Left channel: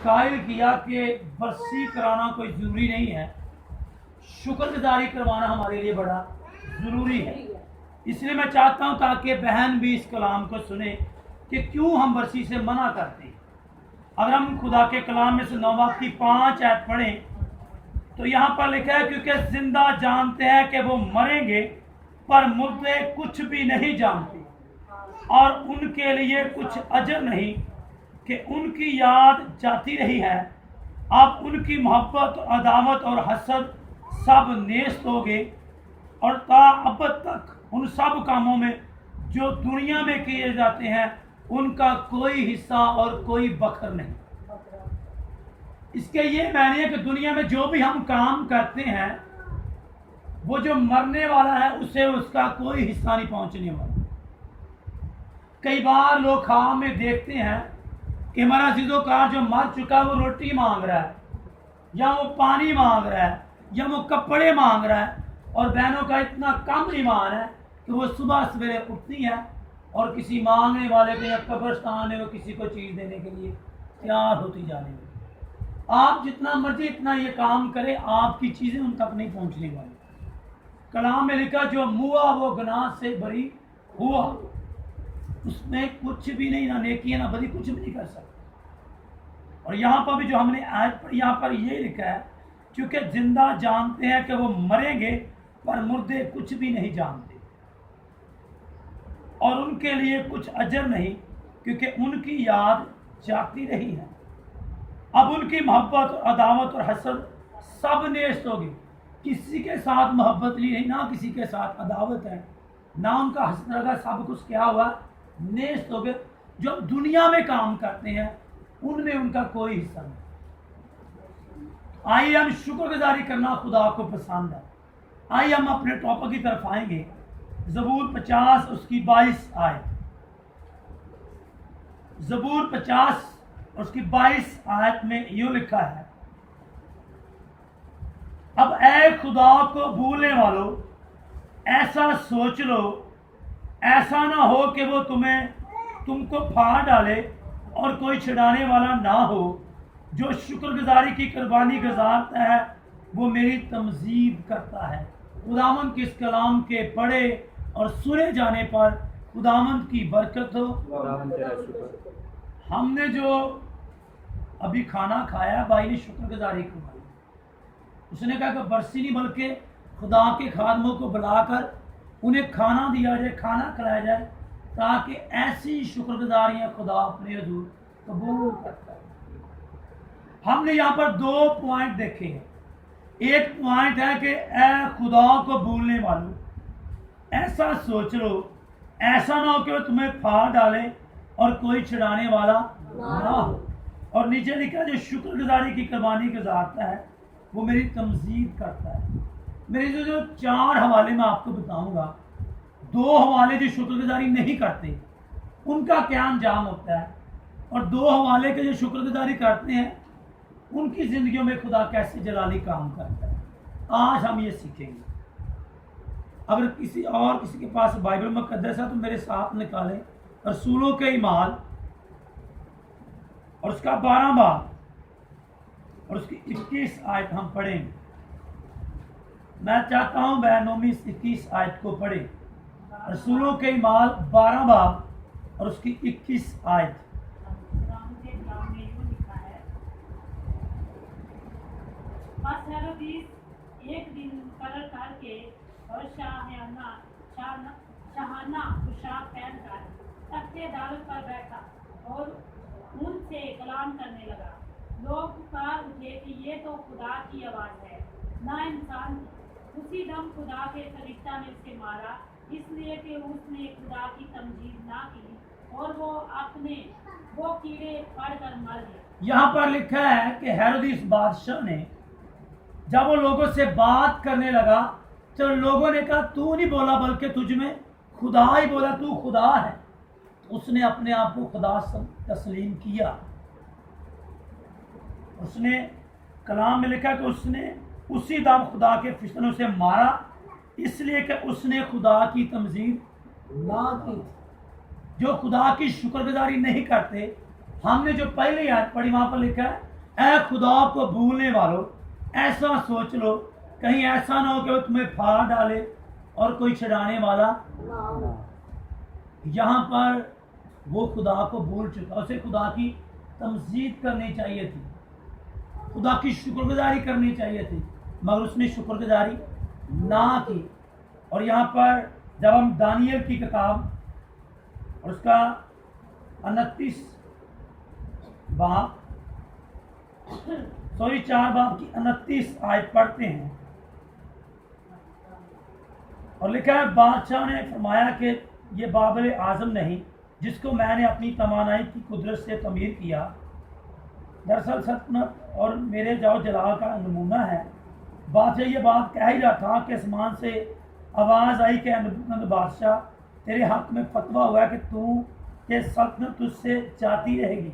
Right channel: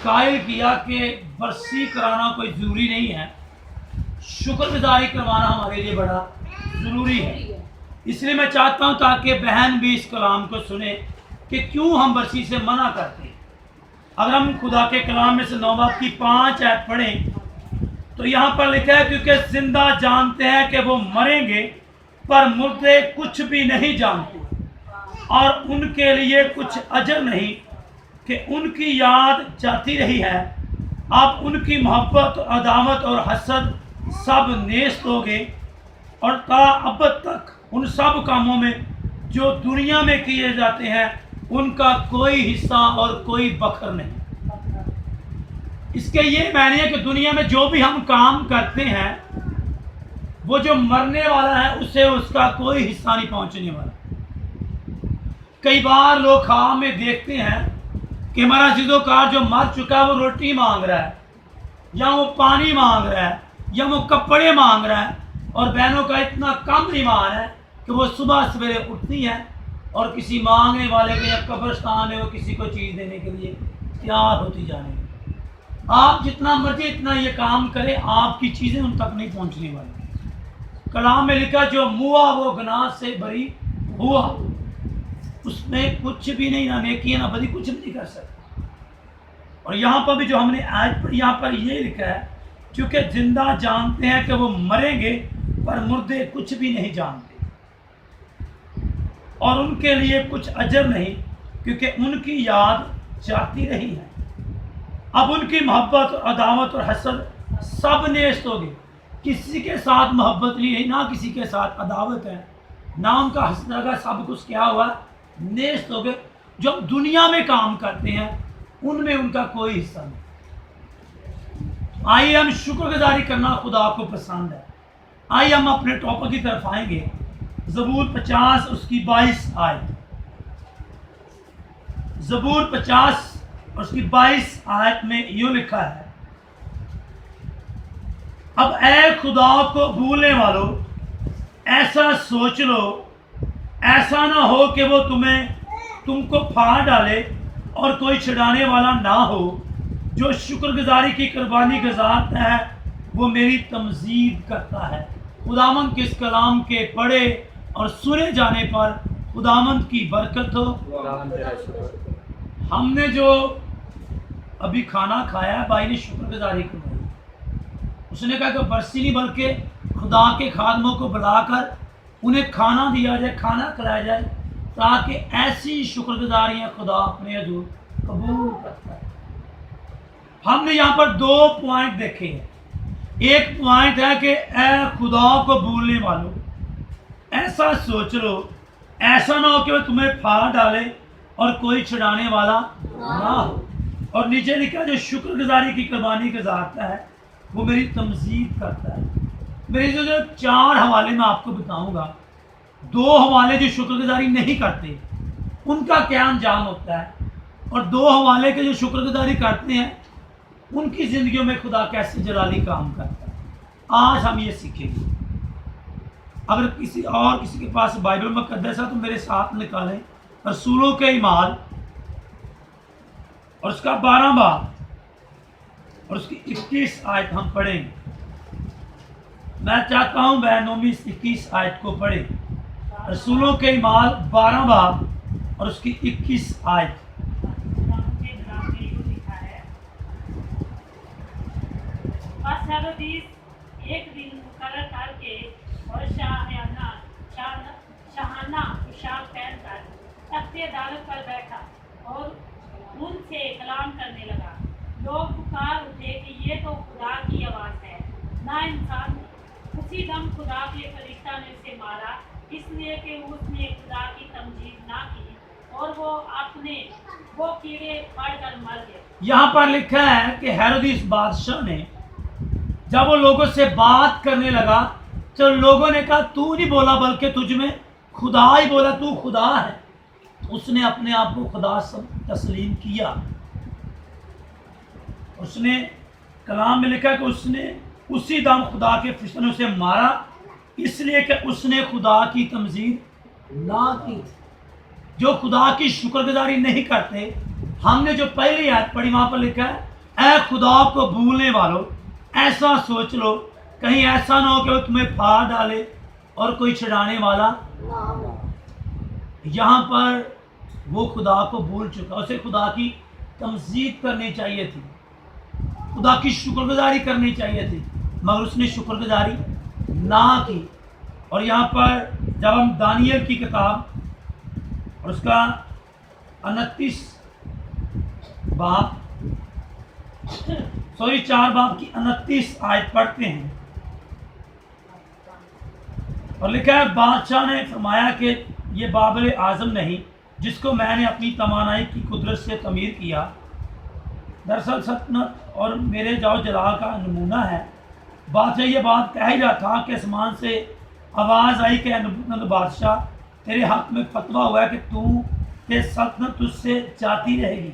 कायल किया कि बरसी कराना कोई ज़रूरी नहीं है, शुक्रगुजारी करवाना हमारे लिए बड़ा ज़रूरी है। इसलिए मैं चाहता हूँ ताकि बहन भी इस कलाम को सुने कि क्यों हम बरसी से मना करते हैं। अगर हम खुदा के कलाम में से 9 बाब की 5 आयत पढ़ें तो यहाँ पर लिखा है, क्योंकि जिंदा जानते हैं कि वो मरेंगे पर मुर्दे कुछ भी नहीं जानते, और उनके लिए कुछ अजर नहीं कि उनकी याद जाती रही है। आप उनकी मोहब्बत, अदावत और हसद सब नेस्त होगे, और ता अब तक उन सब कामों में जो दुनिया में किए जाते हैं उनका कोई हिस्सा और कोई बखर नहीं। इसके ये मायने है कि दुनिया में जो भी हम काम करते हैं वो जो मरने वाला है उसे उसका कोई हिस्सा नहीं पहुंचने वाला। कई बार लोग ख्वाब में देखते हैं कि हमारा जिदोकार जो मर चुका है वो रोटी मांग रहा है, या वो पानी मांग रहा है, या वो कपड़े मांग रहा है, और बहनों का इतना कम ईमान है कि वो सुबह सवेरे उठती है और किसी मांगने वाले के या कब्रिस्तान में वो किसी को चीज़ देने के लिए तैयार होती जाने। आप जितना मर्जी इतना ये काम करें, आपकी चीज़ें उन तक नहीं पहुंचने वाली। कलाम में लिखा, जो मुआ वो गुनाह से बरी हुआ, उसमें कुछ भी नहीं, ना नेकी ना बदी, कुछ भी नहीं कर सकता। और यहाँ पर भी जो हमने आज पर यहाँ पर ये लिखा है, क्योंकि जिंदा जानते हैं कि वो मरेंगे पर मुर्दे कुछ भी नहीं जानते, और उनके लिए कुछ अजर नहीं, क्योंकि उनकी याद जाती रही है। अब उनकी मोहब्बत, अदावत और हसद सब नेस्त होगी। किसी के साथ मोहब्बत नहीं है, ना किसी के साथ अदावत है, ना उनका हसद का, सब कुछ क्या हुआ, नेस्त हो गए। जो हम दुनिया में काम करते हैं उनमें उनका कोई हिस्सा नहीं। आइए हम शुक्रगुजारी करना खुदा को पसंद है। आइए हम अपने टॉपिक की तरफ आएंगे। ज़बूर 50 उसकी 22 आयत। ज़बूर 50 उसकी 22 आयत में यूँ लिखा है, अब ऐ खुदा को भूलने वालों, ऐसा सोच लो, ऐसा ना हो कि वो तुमको फाड़ डाले और कोई छुड़ाने वाला ना हो। जो शुक्रगुजारी की कुर्बानी गुजारता है वो मेरी तमजीद करता है। खुदावंद के इस कलाम के पढ़े और सुने जाने पर खुदावंद की बरकत हो। हमने जो अभी खाना खाया, भाई ने शुक्रगुजारी करवाई। उसने कहा कि बरसी नहीं बल्कि खुदा के खादमों को बुलाकर उन्हें खाना दिया जाए, खाना खिलाया जाए, ताकि ऐसी शुक्रगुजारियां खुदा अपने हजूर कबूल करता है। हमने यहाँ पर 2 पॉइंट देखे हैं। एक पॉइंट है कि ऐ खुदा को भूलने वालों, ऐसा सोच लो, ऐसा ना हो कि वह तुम्हें फाड़ डाले और कोई छुड़ाने वाला ना हो। और नीचे लिखा, जो शुक्रगुजारी की कुर्बानी गुजारता है वो मेरी तमजीद करता है। मेरे जो 4 हवाले मैं आपको बताऊंगा, 2 हवाले जो शुक्रगुजारी नहीं करते उनका क्या अंजाम होता है, और 2 हवाले के जो शुक्रगुजारी करते हैं उनकी ज़िंदगियों में खुदा कैसे जलाली काम करता है। आज हम ये सीखेंगे। अगर किसी के पास बाइबल मुक़द्दस है तो मेरे साथ निकालें रसूलों के ईमाल और उसका 12 बाब और उसकी 21 आयत हम पढ़ेंगे। मैं चाहता हूं बहनों में इस 21 आयत को पढ़े। रसूलों के ईमाल 12 बाब और उसकी 21 आयत। एक दिन मुकर्रर करके और शाहाना पोशाक पहनकर तख्ते अदालत पर बैठा और उनसे कलाम करने लगा। लोग पुकार उठे कि ये तो खुदा की आवाज़ है, ना इंसान। उसी दम खुदा के फरिश्ता ने उसे मारा, इसलिए कि उसने खुदा की तमजीद ना की, और वो कीड़े पड़कर मर गए। यहाँ पर लिखा है कि हेरोदिस बादशाह ने जब वो लोगों से बात करने लगा तो लोगों ने कहा, तू नहीं बोला बल्कि तुझ में खुदा ही बोला, तू खुदा है। उसने अपने आप को खुदा तस्लीम किया। उसने कलाम में लिखा कि उसने उसी दम खुदा के फरिश्ते ने उसे मारा, इसलिए कि उसने खुदा की तमजीद ना की। जो खुदा की शुक्रगुजारी नहीं करते, हमने जो पहले आयत पढ़ी वहां पर लिखा है ऐ खुदा को भूलने वालों, ऐसा सोच लो कहीं ऐसा ना हो कि वो तुम्हें फाड़ डाले और कोई छुड़ाने वाला। यहाँ पर वो खुदा को भूल चुका, उसे खुदा की तमजीद करनी चाहिए थी, खुदा की शुक्रगुजारी करनी चाहिए थी, मगर उसने शुक्रगुजारी ना की। और यहाँ पर जब हम दानियल की किताब और उसका 29 बाब 4 बाब की 29 आयत पढ़ते हैं, और लिखा है, बादशाह ने फरमाया कि ये बाबल आज़म नहीं जिसको मैंने अपनी तवानाई की कुदरत से तमीर किया, दरअसल सल्तनत और मेरे जाओ जलाल का नमूना है। बादशाह ये बात कह ही रहा था कि आसमान से आवाज़ आई कि नबूकदनेस्सर बादशाह, तेरे हक में फतवा हुआ है कि तू के सल्तनत तुझसे जाती रहेगी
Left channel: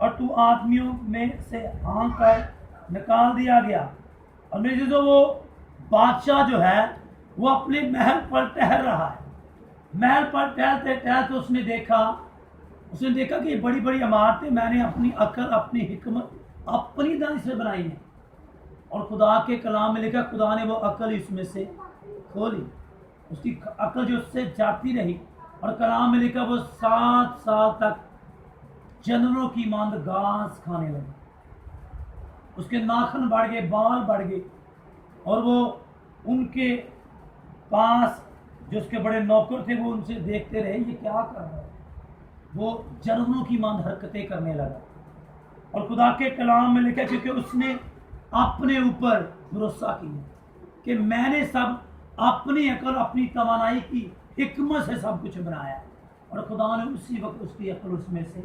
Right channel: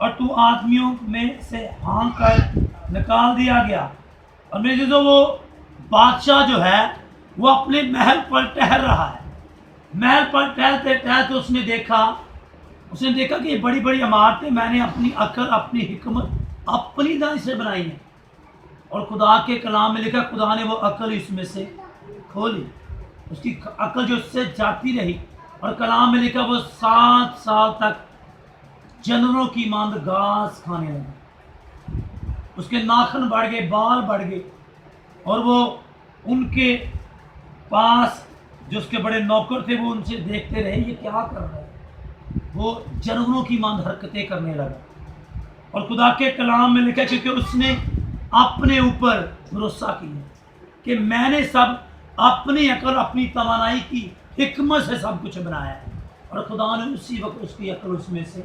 और तू आदमियों में से हाँक कर निकाल दिया गया। और मेरे जो वो बादशाह जो है वो अपने महल पर ठहर रहा है। महल पर टहलते टहलते उसने देखा कि ये बड़ी बड़ी इमारतें मैंने अपनी अक्ल, अपनी हिकमत, अपनी दानी से बनाई हैं। और खुदा के कलाम में लिखा, खुदा ने वो अक्ल इसमें से खोली, उसकी अक्ल जो उससे जाती रही। और कलाम में लिखा, वो 7 साल तक जानवरों की मांद घास खाने लगा, उसके नाखून बढ़ गए, बाल बढ़ गए, और वो उनके पास जो उसके बड़े नौकर थे वो उनसे देखते रहे, ये क्या कर रहा है। वो जानवरों की मांद हरकतें करने लगा। और खुदा के कलाम में लिखा, क्योंकि उसने अपने ऊपर भरोसा किया कि मैंने सब अपनी अकल, अपनी तवानाई की हिकमत से सब कुछ बनाया है। और खुदा ने उसी वक्त उसकी अकल उसमें से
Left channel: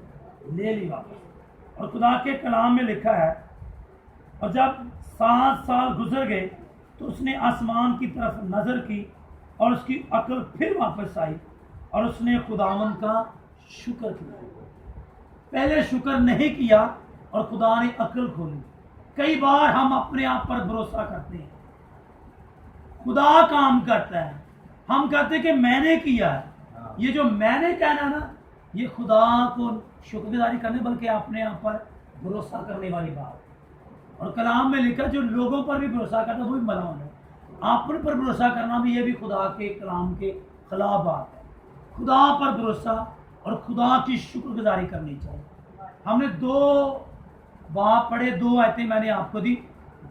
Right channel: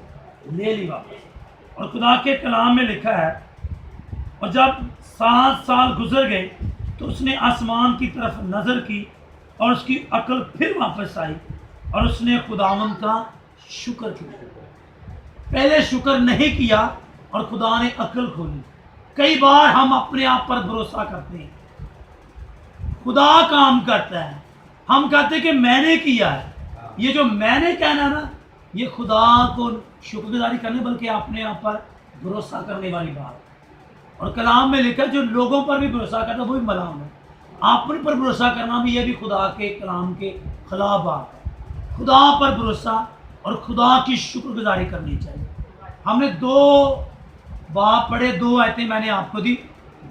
ले ली वापस। और खुदा के कलाम में लिखा है, और जब 7 साल गुजर गए तो उसने आसमान की तरफ नज़र की और उसकी अकल फिर वापस आई और उसने खुदावंद का शुक्र किया। पहले शुक्र नहीं किया और खुदा ने अकल खोली। कई बार हम अपने आप पर भरोसा करते हैं, खुदा काम करता है, हम कहते हैं कि मैंने किया है। ये जो मैंने कहना ना, ये खुदा को शुक्रगुजारी करने बल्कि अपने आप पर भरोसा करने वाली बात। और कलाम में लिखा, जो लोगों पर भी भरोसा करता है वो भी मलाम है। अपने पर भरोसा करना भी, ये भी खुदा के कलाम के खिलाफ बात है। खुदा पर भरोसा और खुदा की शुक्रगुजारी करनी चाहिए। हमने 2 बाब पढ़े, 2 आयतें मैंने आपको दी,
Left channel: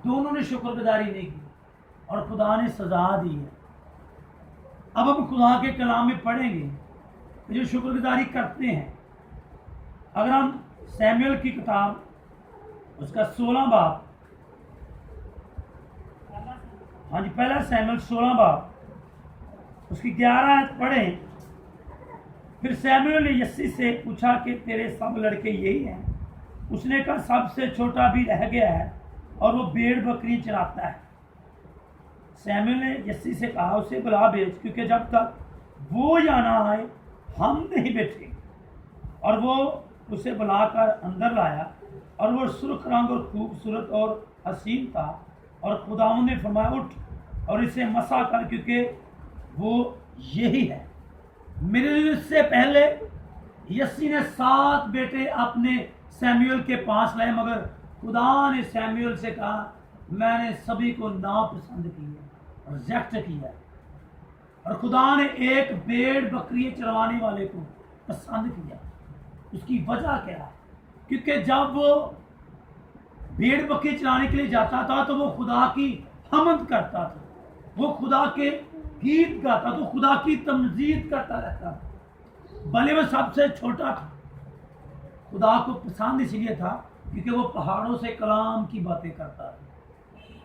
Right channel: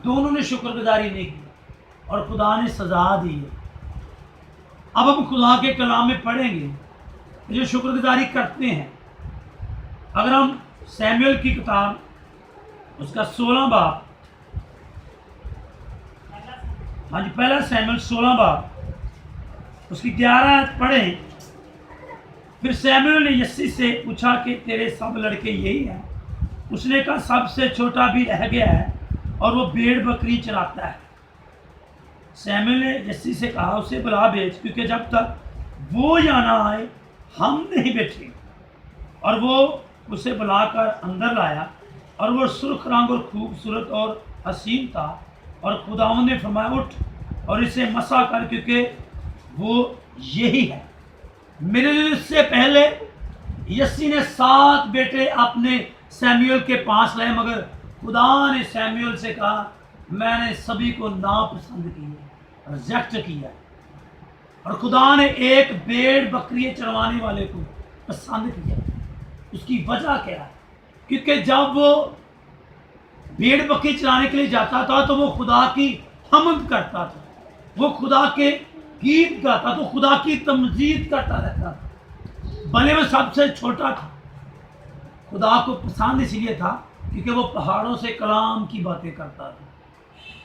दोनों ने शुक्रगुजारी नहीं की और खुदा ने सजा दी है। अब हम खुदा के कलाम में पढ़ेंगे जो शुक्रगुजारी करते हैं। अगर हम सैमुएल की किताब उसका 16 बाब, हाँ जी, पहला सैमुएल 16 बाब उसकी 11 आयत पढ़ें। फिर सैमुएल ने यस्सी से पूछा कि तेरे सब लड़के यही हैं? उसने कहा, सबसे छोटा भी रह गया है और वो भेड़ बकरी चराता है। सैमुएल ने यस्सी से कहा, उसे बुला भेज, क्योंकि जब तक वो यहाँ ना आए हम नहीं बैठे। और वो उसे बुलाकर अंदर लाया और वो सुर्ख रंग और खूबसूरत और हसीन था। और खुदावंद ने फरमाया, उठ और इसे मसा कर, क्योंकि वो यही है। मेरे से पहले यस्सी ने 7 बेटे अपने सैमुएल के पास लाए, मगर खुदा ने सैमुएल से कहा, मैंने सभी को नापसंद किया, रिजेक्ट किया। और खुदा ने एक भेड़ बकरी चरवाने वाले को पसंद किया। उसकी वजह क्या है? क्योंकि जब वो भेड़ बकरी चराने के लिए जाता था तो वो खुदा की हमद करता था, वो खुदा के गीत गाता, तो खुदा की तमजीद करता रहता था। भले वो सबसे छोटा था, खुदा को पसंद इसलिए था क्योंकि वो पहाड़ों से कलाम की बातें करता था।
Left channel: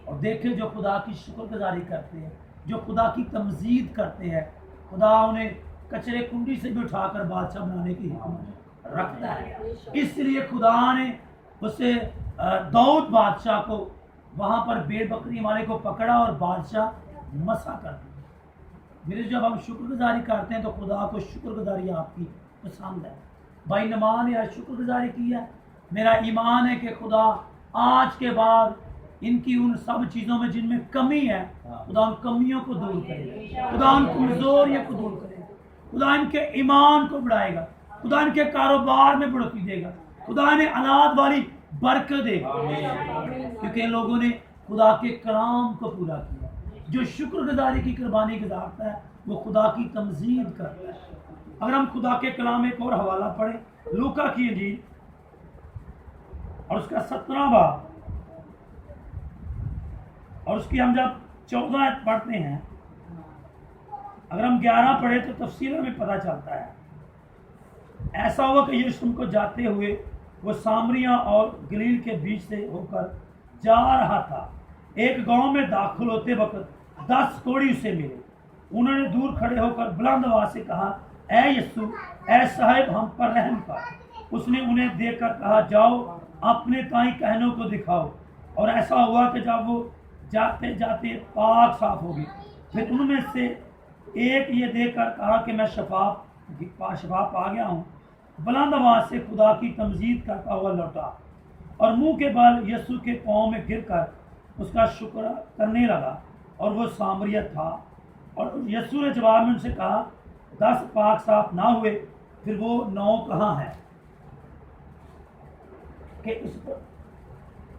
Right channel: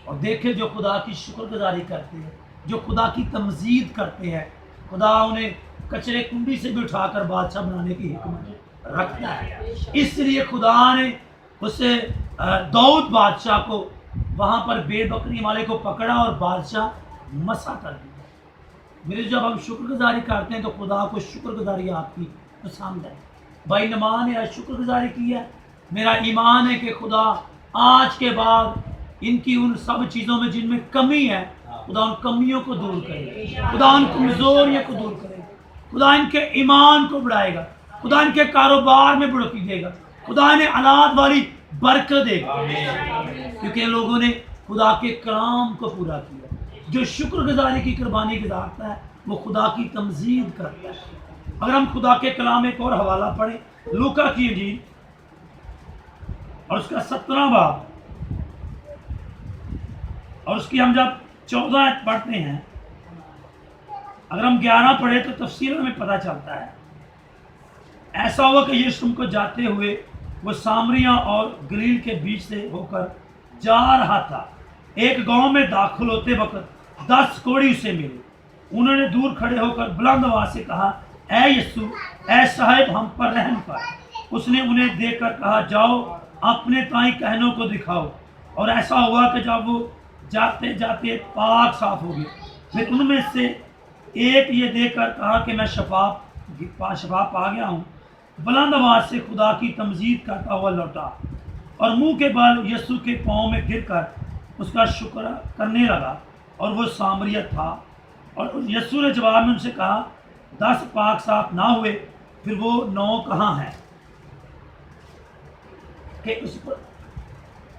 और देखे, जो खुदा की शुक्रगुजारी करते हैं, जो खुदा की तमजीद करते हैं, खुदा उन्हें कचरे कुंडी से भी उठाकर बादशाह बनाने की हिकमत रखता है। इसलिए खुदा ने उसे दाऊद बादशाह को वहाँ पर भेड़ बकरी वाले को पकड़ा और बादशाह मसा कर दिया। मेरे जब हम शुक्रगुजारी करते हैं तो खुदा को शुक्रगुजारी आपकी पसंद है। भाई नमान ने आज शुक्रगुजारी की है। मेरा ईमान है कि खुदा आज के बाद इनकी उन सब चीज़ों में जिनमें कमी है, खुदा उन कमियों को दूर करे, खुदा उन कमजोरियों को दूर करे, खुदा इनके ईमान को बढ़ाएगा, खुदा इनके कारोबार में बढ़ोतरी देगा, खुदा इन्हें औलाद वाली बरकत देगा, क्योंकि इन लोगों ने खुदा के कलाम को पूरा किया। जो शुक्रगुजारी की कुर्बानी गुजारता है वो खुदा की तमजीद करता है। अगर हम खुदा के कलाम एक और हवाला पढ़ें, लूका की इंजील और उसका 17वां बाब, और उसकी हम जब 14 आयत पढ़ते हैं, अगर हम 11 पढ़े तो तफसील हमें पता चलता है। ऐसा हुआ कि यीशु को जाते हुए वो सामरिया और गलील के बीच से होकर जा रहा था। एक गांव में दाखिल होते वक्त 10 कोढ़ी उसे मिले। उन्होंने दूर खड़े होकर बुलंद आवाज से कहा, ऐ यीशु, ऐ साहिब, हम पर रहम कर। उसने उन्हें देखकर कहा, जाओ अपने ताई कहनों को दिखाओ। और ऐसा हुआ कि जब वो जाते जाते पाक साफ हो गए। फिर उनमें से एक ये देखकर कहा कि मैं शफा पा गया हूँ। बुलंद आवाज से खुदा की तमजीद करता हुआ लौटा और मुंह के बल यीशु के पाँव में गिरकर उसका शुक्र करने लगा। और वो सामरिया था। और यीशु ने जवाब में उनसे कहा, 10 पाक साफ ना हुए, फिर वो 9 कहाँ हैं? कि उस पर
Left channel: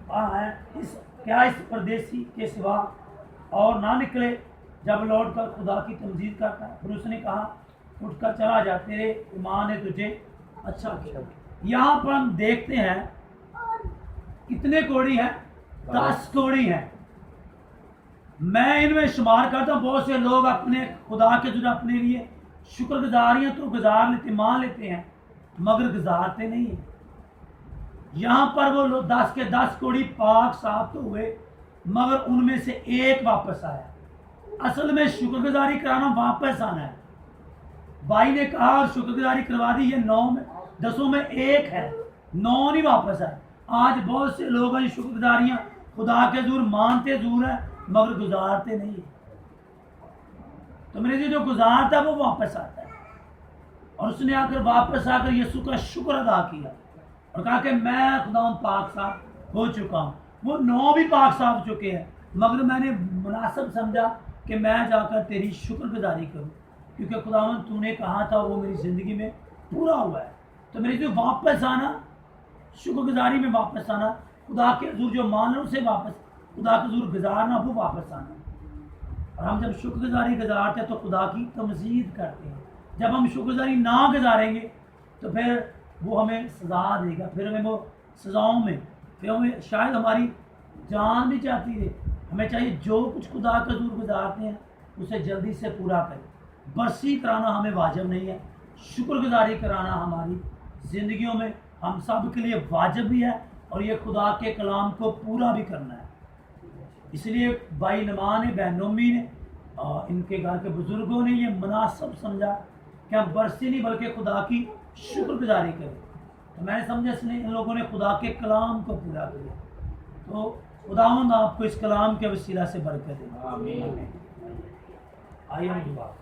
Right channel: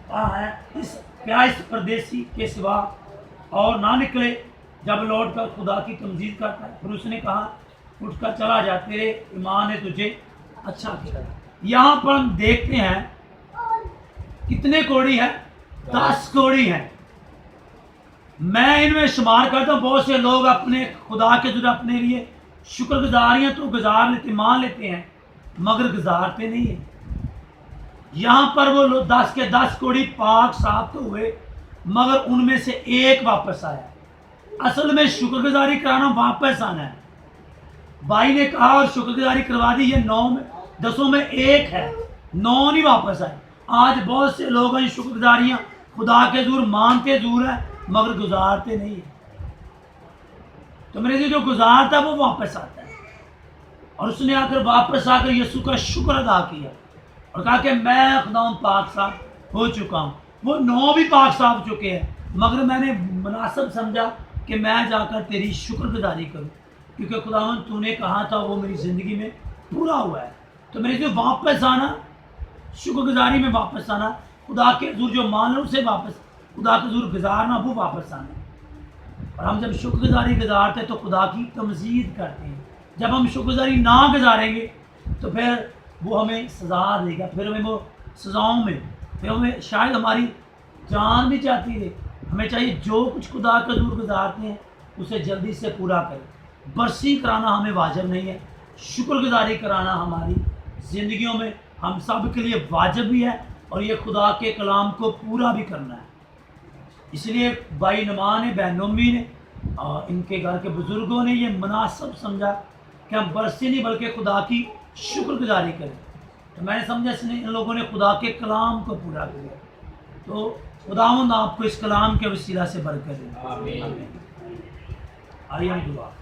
कहाँ है इस परदेसी के सिवा और ना निकले जब लौट कर खुदा की तमजीद करता है। फिर उसने कहा, उठकर चला जा, तेरे ईमान ने तुझे अच्छा किया। यहाँ पर हम देखते हैं कितने कोढ़ी हैं? 10 कोढ़ी हैं। मैं इनमें शुमार करता हूँ, बहुत से लोग अपने खुदा के जरिए अपने लिए शुक्रगुजारियाँ तो गुजार लेते, मान लेते हैं, मगर गुजारते नहीं है। यहाँ पर वो लोग 10 के 10 कोढ़ी पाक साफ तो हुए, मगर उनमें से एक वापस आया। असल में शुक्रगुजारी कराना वापस आना है। भाई ने कहा और शुक्रगुजारी करवा दी, ये 9 में 10 में 1 है, 9 नहीं वापस आए। आज बहुत से लोग हैं शुक्रगुजारियाँ खुदा के जरूर मानते जरूर है, मगर गुजारते नहीं है। तो मेरे लिए जो गुजारता है वो वापस आता है। और उसने आकर वापस आकर यीशु का शुक्र अदा किया और कहा कि मैं खुदा पाक साफ हो चुका हूँ। वो 9 भी पाक साफ हो चुके हैं, मगर मैंने मुनासिब समझा कि मैं जाकर तेरी शुक्रगुजारी करूँ, क्योंकि खुदावन तूने कहा था वो मेरी ज़िंदगी में पूरा हुआ है। तो मेरे लिए वापस आना, शुक्रगुजारी में वापस आना, खुदा के हज़ूर जो मान लो उसे वापस खुदा के हज़ूर गुजारना, वो वापस आना। और हम जब शुक्रगुजारी गुजारते हैं तो खुदा की तमजीद करते हैं। जब हम शुक्रगुजारी ना गुजारेंगे तो फिर वो हमें सज़ा देगा, फिर हमें वो सज़ाओं में, फिर हमें शायद हमारी जान भी जाती है। हमें चाहिए जो कुछ खुदा के हज़ूर गुजारते हैं उसे जल्दी से पूरा करें। बरसी कराना हमें वाजिब नहीं है, शुक्रगुजारी कराना हमारी ज़िंदगियों में हम सब के लिए वाजिब भी है, और ये खुदा के कलाम को पूरा भी करना है। इसलिए भाई नमा ने, बहन नोमी ने और इनके घर के बुज़ुर्गों ने ये मुनासिब समझा कि हम बरसी नहीं बल्कि खुदा की शुक्रगुजारी करें। तो मैंने समझा इसने इन लोगों ने खुदा के कलाम को पूरा किया। तो खुदावंद आपको इस कलाम के वसीला से बरकत दे। आमीन। आइए हम दुआ।